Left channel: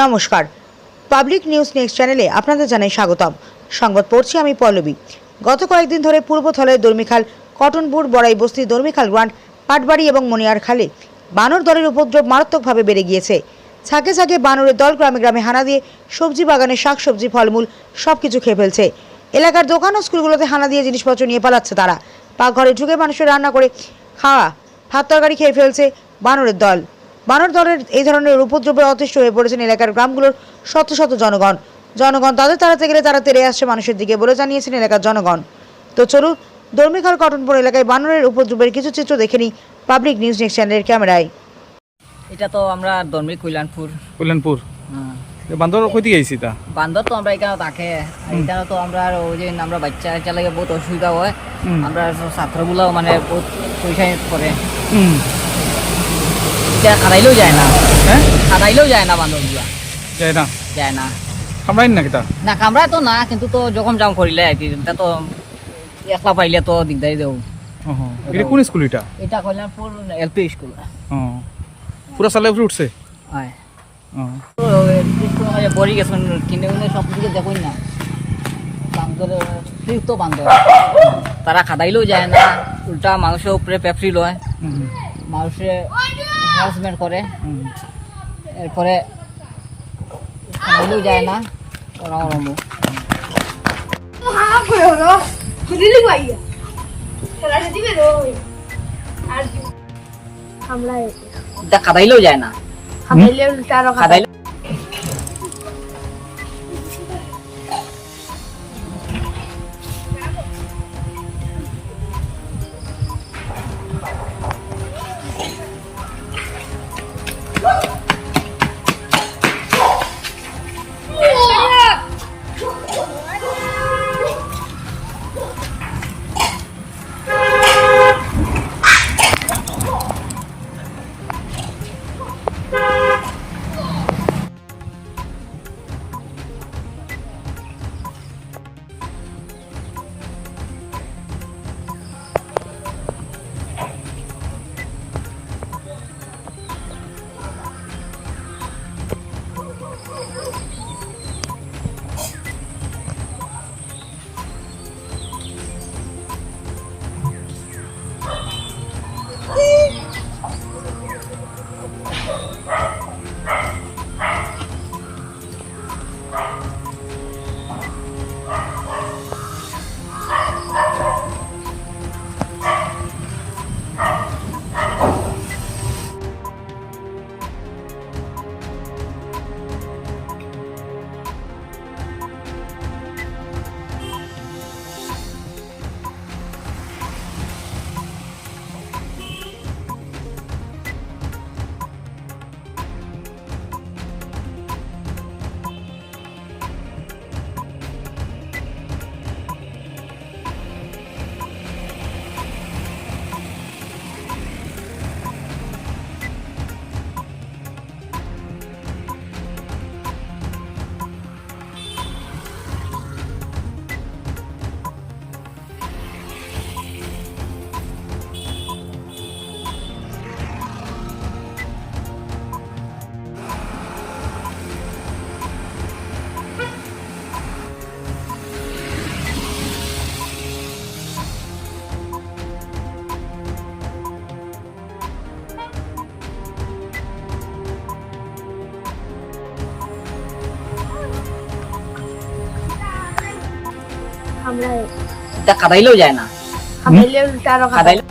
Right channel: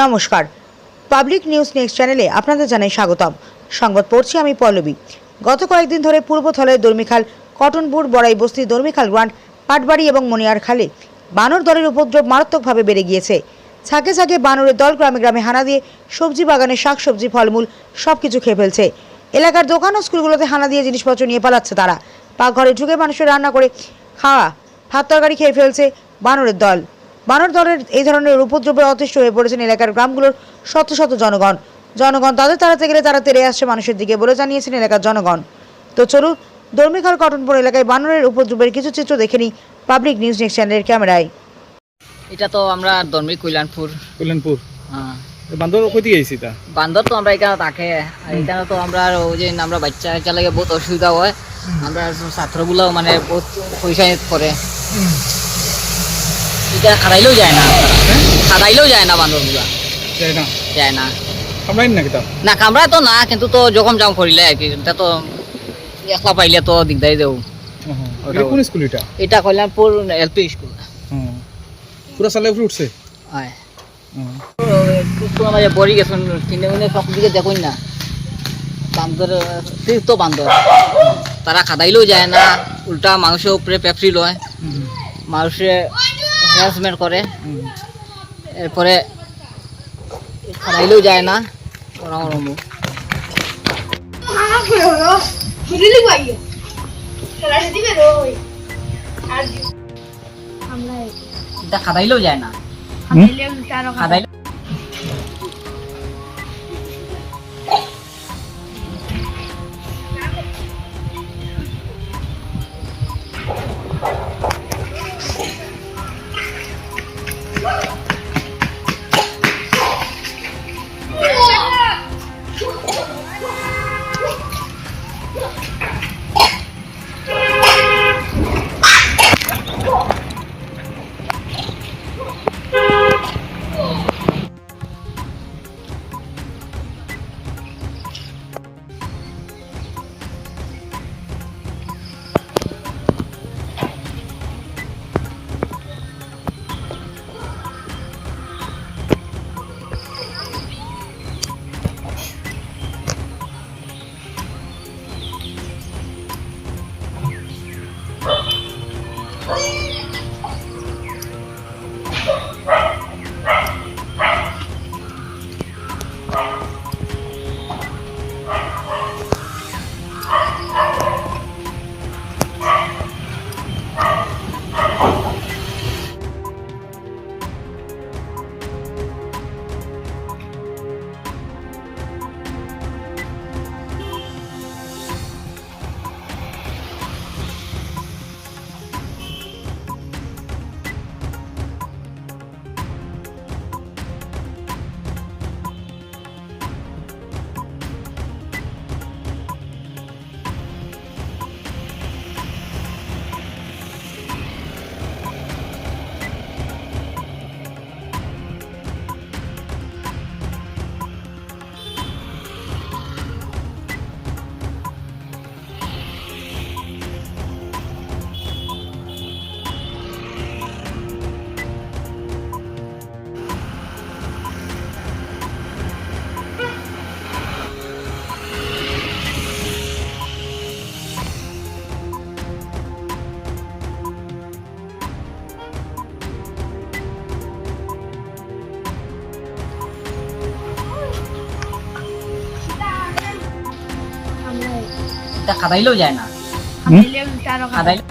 নমস্কার, public news next চ্যানেলে আপনাদের জানাই স্বাগতম। সংবাদ পড়ছি আমি পল্লবী। গত কয়েকদিন ধরে পূর্বথলের দর্মিখাল, কটনপুর, বড়াই বস্তি, দর্মিখাল গ্রান্ট, পাটবাড়ি এবং মনিয়ার খালে বানর দলের উপদ্রব মারাত্মকভাবে বেড়ে গিয়েছে। ছাকে ছাকে বানরের দল গ্রামে গ্রামে হানা দিয়ে সবজি বাগানে শাকসবজি, ফলমূল সবকিছু খেয়ে ফেলছে। এলাকার দোকান ও স্কুলগুলোতে হানা দিয়ে জিনিসপত্র নিয়ে পালাচ্ছে তারা। পাকঘরে ঢুকে মানুষের রান্না করে খাওয়া ভাত তরকারি খেয়ে ফেলছে বানরের দল। বানর দলের এই ধরনের উপদ্রবে অতিষ্ঠ হয়ে পড়েছেন এলাকার গ্রামগুলোর শত শত জনগণ তাদের তাড়াতে গেলে তারা তেড়ে আসছে মানুষের দিকে বলে জানিয়েছেন এলাকার জনগণ। তো চলুন দর্মিখাল, কটনপুর এলাকায় বানরের উপদ্রবের কিছু চিত্র দেখে নিই পাবলিক নিউজ নেক্সট চ্যানেলের ক্যামেরায়। এটা তো আমরা দর্মি কল্যাণপুর। হ্যাঁ, বান্দর কইতে গেছি তা বান্দর তো আমরা এখানে থাকে। এখানে তো আমরা ওই যে আমরা বাচ্চা লাগে বহুত অসুবিধা হয়। আমরা ছাত্রগুলো মানে বহুত পয়সা পড়ে, এটা খাদাইলেও যায় না। খাদাইলেও যায় না, বান্দরগুলা যায় না। কামড়াই নাকি তা? না, কামড়ায় তো না, কিন্তু তো জখম জাম করিলে আর কি। এটা তো একলা পাইলে তো দিগদারি দেও। কোন স্কুল এটা? এটা কল্যাণপুর এলপি স্কুল। পুরা সালে উপরে উঠছে। হয় স্কুল মাঝে বড়ি গেছেন কিনে উনে সব দিকে দেখুন না। বান্দর তো বান্দর, তারা খাদাইলেও যায় না, উল্টা মানুষের উপরে পেপসি লয়, মানুষে হ্যারাসমেন্ট করে। এরপরে খাদাইলেও যায় না। খাদাইলেও যায় না, খাদাইলে খাদাইলেও যায় না, খাদাইলে